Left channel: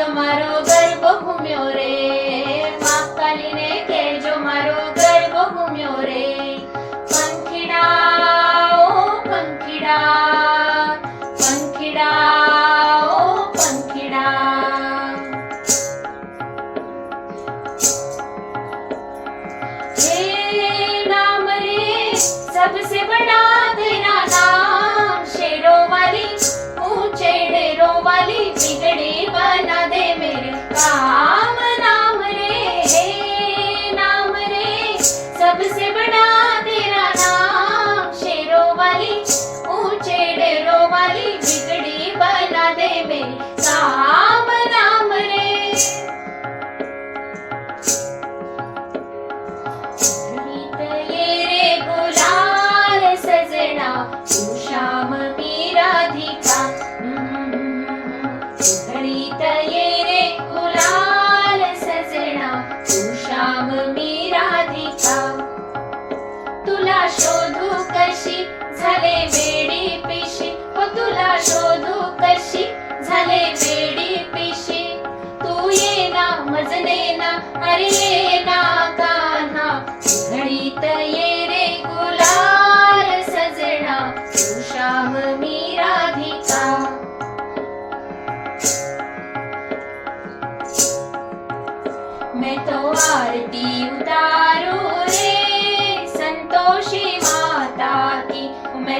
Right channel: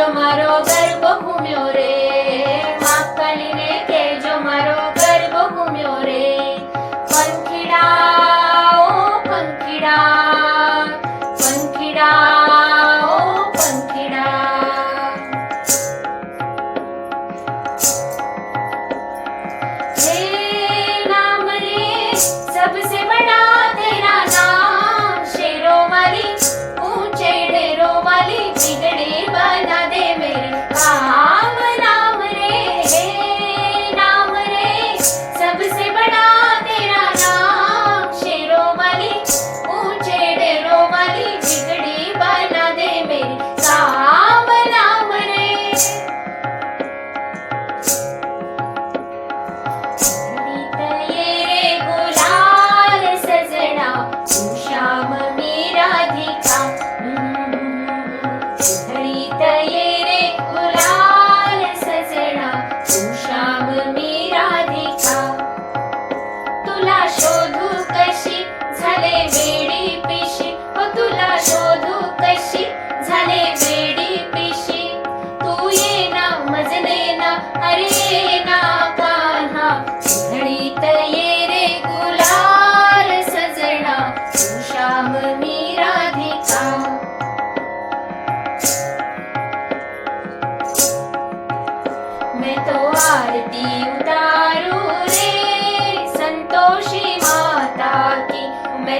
કેજો પંખીડા ઓ પંખીડા. झाले वेडी पिशी हो तुला शोधू कशी? झाले वेडी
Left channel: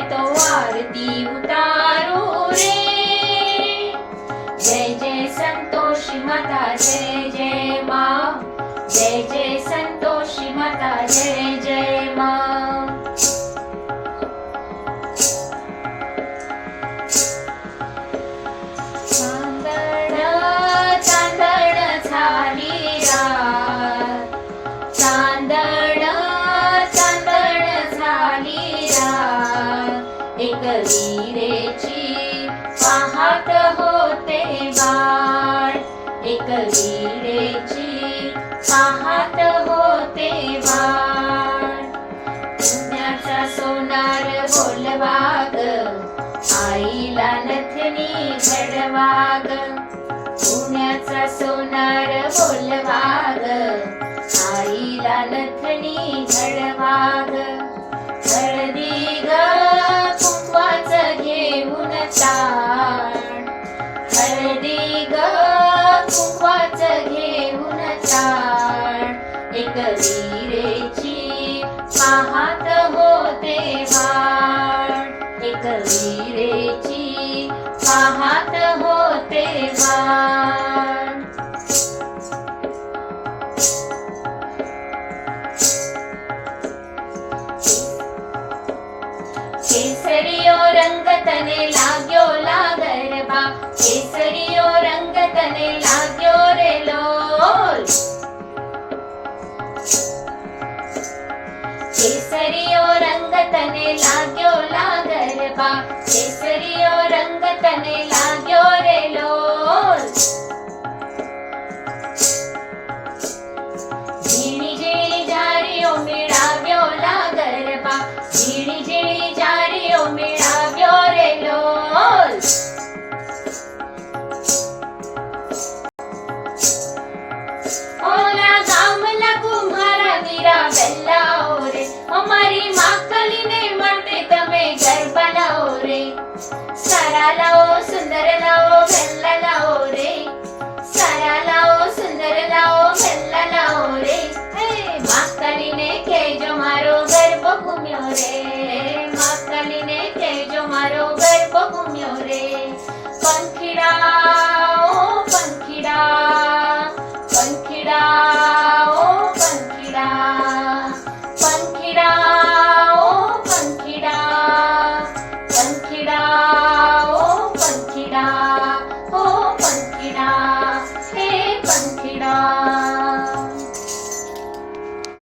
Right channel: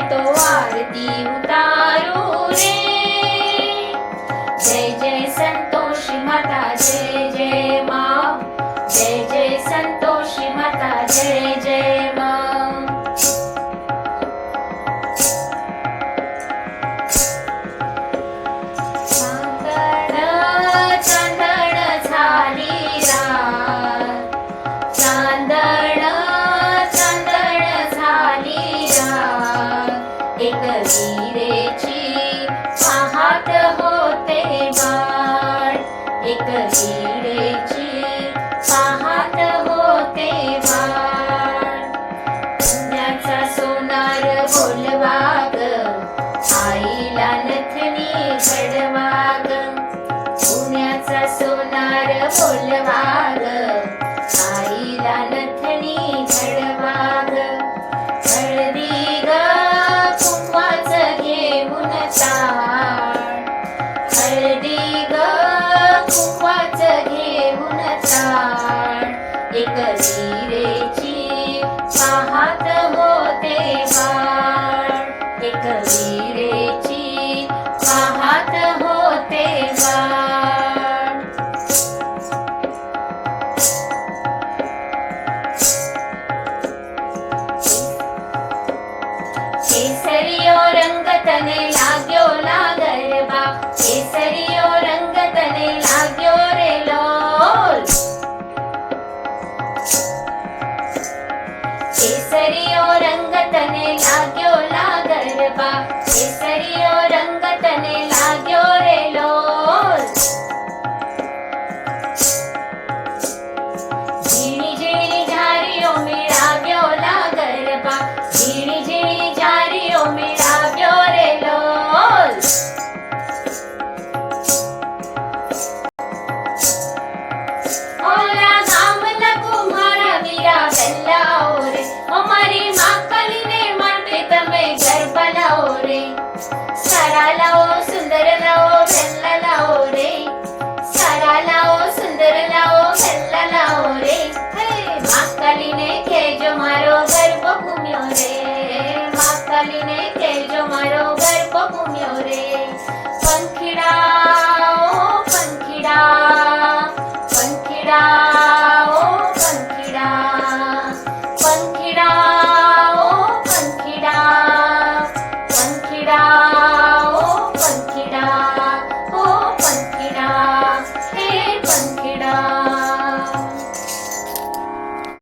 तो आरती उतारू रे जय जय संतोषी माता जय जय माँ। जय जय संतोषी माता जय जय विरेची पाहत होते बाळ. पुण्याचा सोनार बोलवाग आईला नथनी घडवाग पुण्याचा सोनार बोलवाग आईला नथनी घडवाग हळदी ग कुंकवाच घेऊन ताण पाहत होते बाळ एक वीरेची કેસરીયો રંગ તને લાગ્યો લાગરબા કેસરીયો રંગ તને લાગ્યો રે લોલ ઝીણી ઝીણી ઝારીઓ મેળાવ્યો લાગરબા ઝીણી ઝીણી ઝારીઓ મેળાવ્યો ગાલીને તેજો મારો ગરબો